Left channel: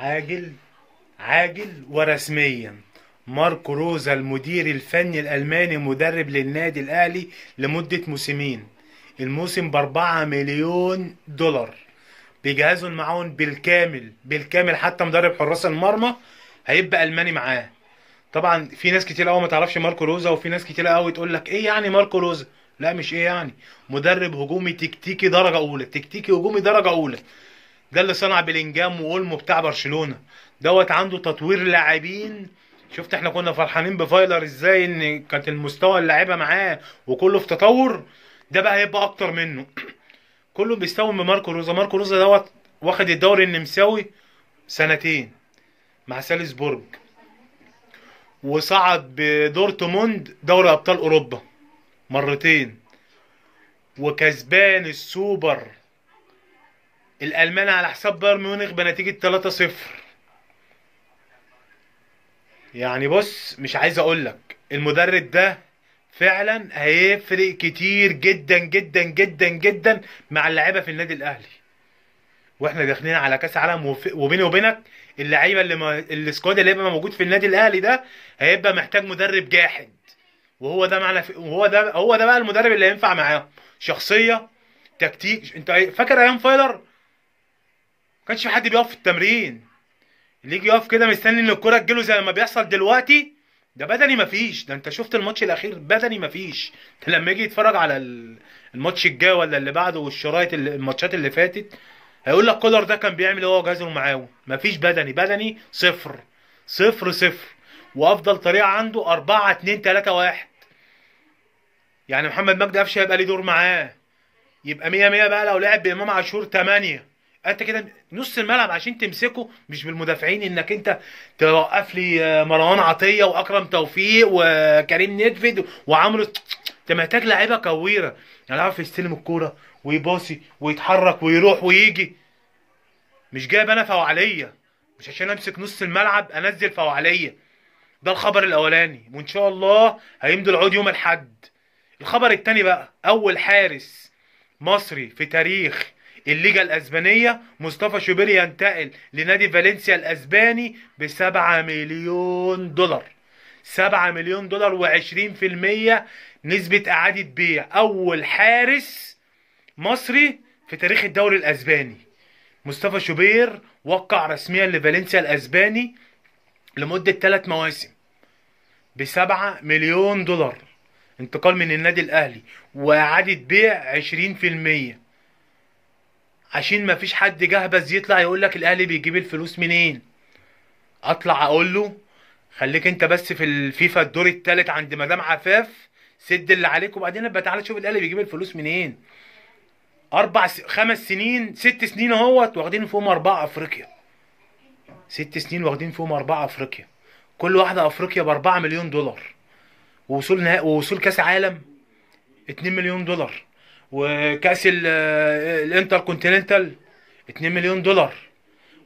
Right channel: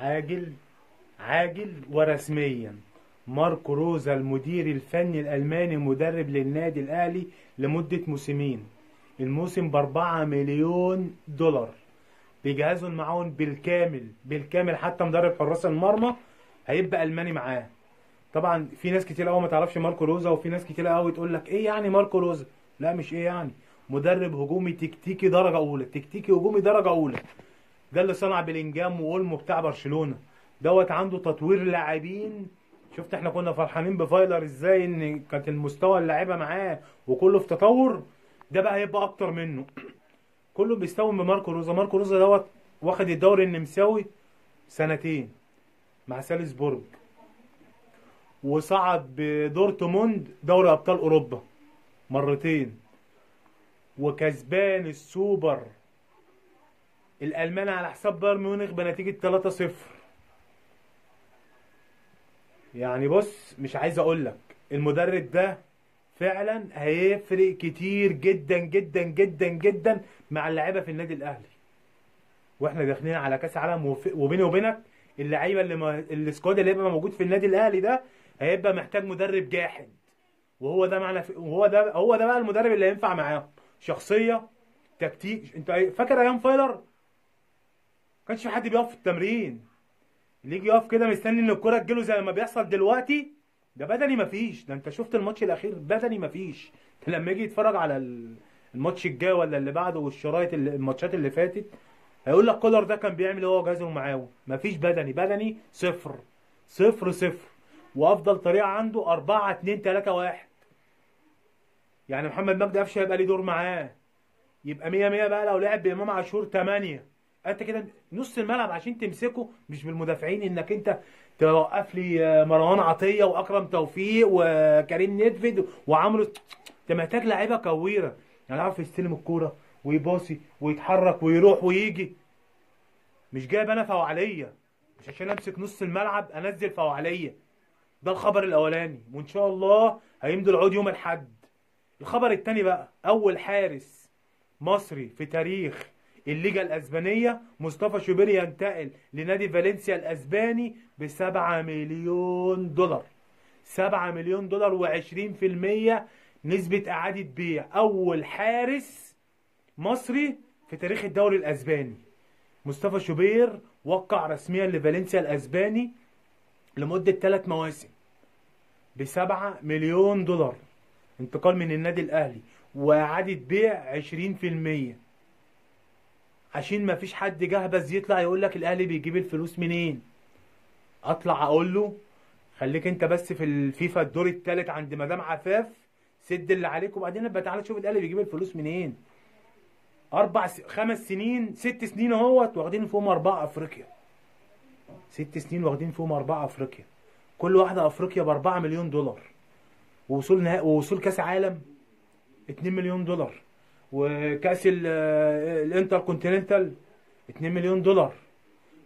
عاجل عاجل ورسميا. ماركو روزا المدير الفني الألماني مدرب للنادي الأهلي لمدة موسمين. الموسم ب4 مليون دولار. بيجهزوا المعاون بالكامل بالكامل، حتى مدرب حراس المرمى هيبقى ألماني معاه. طبعا في ناس كتير قوي ما تعرفش ماركو روزا، وفي ناس كتير قوي تقول لك ايه يعني ماركو روزا. لا مش ايه يعني، مدرب هجومي تكتيكي درجة أولى، تكتيكي هجومي درجة أولى. ده اللي صنع بلينجهام واولمو بتاع برشلونة. عنده تطوير لاعبين. شفت احنا كنا فرحانين بفايلر ازاي، ان كانت المستوى اللاعيبه معاه وكله في تطور. ده بقى هيبقى اكتر منه. كله بيستوي من ماركو روزا. ماركو روزا واخد الدوري النمساوي سنتين مع سالزبورج، وصعد بدورتموند دوري ابطال اوروبا مرتين، وكسبان السوبر الالماني على حساب بايرن ميونخ بنتيجه 3-0. يعني بص، مش عايز اقول لك المدرب ده فعلا هيفرق كتير جدا جدا جدا جدا مع اللعيبه في النادي الاهلي. واحنا داخلين على كاس عالم، وبيني وبينك اللعيبه السكواد اللي هيبقى موجود في النادي الاهلي ده هيبقى محتاج مدرب جاحد. وهو ده معنى هو ده بقى المدرب اللي هينفع معاهم. شخصيه، تكتيك. انت فاكر ايام فايلر؟ ما كانش في حد بيقف في التمرين، اللي يجي يقف كده مستني ان الكرة تجيله زي ما بيحصل دلوقتي. ده بدني مفيش. ده انت شفت الماتش الاخير، بدني مفيش. لما يجي يتفرج على الماتش الجاي ولا اللي بعده والشرايط الماتشات اللي فاتت، هيقول لك كولر ده كان بيعمل ايه هو وجهازه معاه. مفيش بدني، بدني صفر صفر صفر. وافضل طريقة عنده 4-2-3-1. يعني محمد مجدي قفشه هيبقى ليه دور معاه، يبقى 100 100 بقى. لو لعب بامام عاشور 8، انت كده نص الملعب عشان تمسكه مش بالمدافعين، انك انت توقف لي مروان عطيه واكرم توفيق وكريم نيدفيد وعمرو. انت محتاج لعيبه كويره، يعني يعرف يستلم الكوره ويباصي ويتحرك ويروح ويجي. مش جايب انا فوعليه مش عشان امسك نص الملعب انزل فوعليه. ده الخبر الاولاني، وان شاء الله هيمضي العقود يوم الاحد. الخبر التاني بقى، اول حارس مصري في تاريخ الليجا الاسبانيه مصطفى شوبير ينتقل لنادي فالنسيا الاسباني ب7 مليون دولار. 7 مليون دولار و20% نسبة إعادة بيع. أول حارس مصري في تاريخ الدوري الأسباني. مصطفى شوبير وقع رسميا لفالنسيا الأسباني لمدة 3 مواسم ب7 مليون دولار. انتقال من النادي الأهلي وإعادة بيع 20%. عشان ما فيش حد جهبذ يطلع يقول لك الاهلي بيجيب الفلوس منين. اطلع اقول له خليك انت بس في الفيفا الدور الثالث عند مدام عفاف، سد اللي عليك وبعدين ابقى تعالى شوف الاهلي بيجيب الفلوس منين. 5 سنين 6 سنين اهوت واخدين فيهم 4 افريقيا. 6 سنين واخدين فيهم 4 افريقيا. كل واحده افريقيا ب4 مليون دولار. ووصول نهائي ووصول كاس عالم 2 مليون دولار. وكاس الانتر كونتيننتال 2 مليون دولار.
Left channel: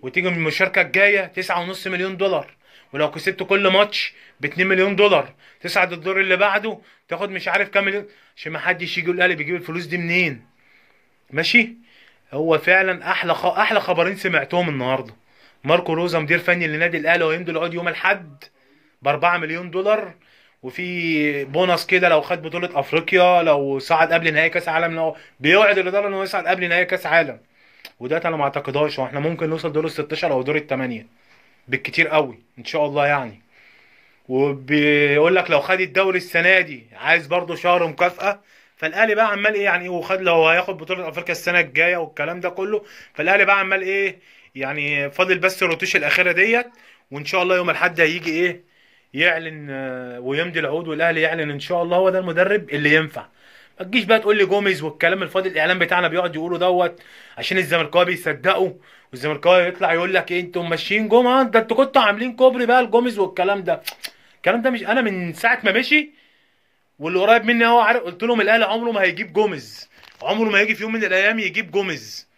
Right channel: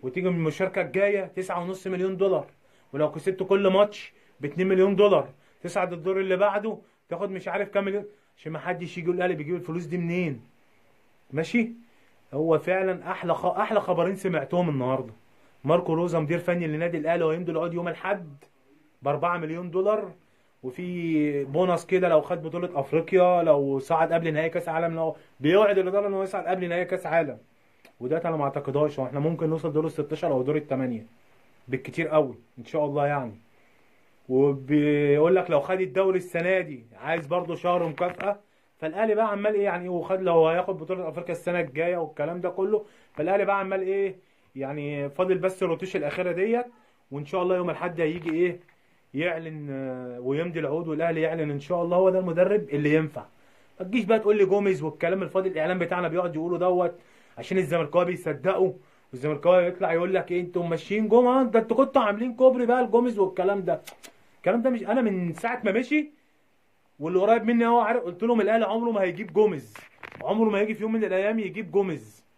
وتيجي من المشاركه الجايه 9.5 مليون دولار. ولو كسبت كل ماتش ب2 مليون دولار تصعد الدور اللي بعده تاخد مش عارف كام مليون. عشان ما حدش يجي يقول الاهلي بيجيب الفلوس دي منين. ماشي. هو فعلا احلى خبرين سمعتهم النهارده. ماركو روزا مدير فني للنادي الاهلي وهيمضي العقد يوم الاحد ب4 مليون دولار. وفي بونص كده لو خد بطولة افريقيا، لو صعد قبل نهائي كاس عالم، لو بيوعد الاداره انه يصعد قبل نهائي كاس عالم. وده انا ما اعتقدهاش. واحنا ممكن نوصل دور ال 16 او دور الثمانية بالكتير قوي ان شاء الله يعني. وبيقول لك لو خد الدوري السنه دي عايز برضه شهر مكافاه. فالاهلي بقى عمال ايه يعني، وخد لو هياخد بطوله افريقيا السنه الجايه والكلام ده كله. فالاهلي بقى عمال ايه يعني، فاضل بس الروتيش الاخيره ديت. وان شاء الله يوم الاحد هيجي ايه يعلن ويمضي العقود، والاهلي يعلن ان شاء الله هو ده المدرب اللي ينفع. ما تجيش بقى تقول لي جوميز والكلام الفاضي. الاعلام بتاعنا بيقعد يقولوا عشان الزملكاويه بيصدقوا. والزملكاويه يطلع يقول لك ايه انتوا ماشيين جمعه، ده انتوا كنتوا عاملين كوبري بقى الجوميز والكلام ده. الكلام ده مش انا من ساعه ما مشي واللي قريب مني هو عارف. قلت لهم الاهلي عمره ما هيجيب جوميز، عمره ما هيجي في يوم من الايام يجيب جوميز.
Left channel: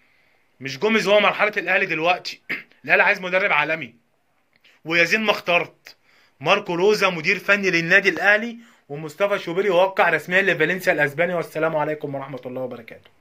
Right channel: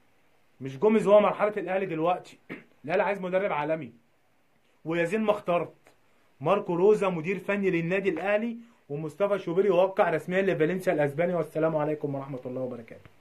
مش جوميز هو مرحله الاهلي دلوقتي. الاهلي عايز مدرب عالمي. ويزين ما اخترت ماركو روزا مدير فني للنادي الاهلي، ومصطفى شوبير يوقع رسميا لفالنسيا الاسباني. والسلام عليكم ورحمه الله وبركاته.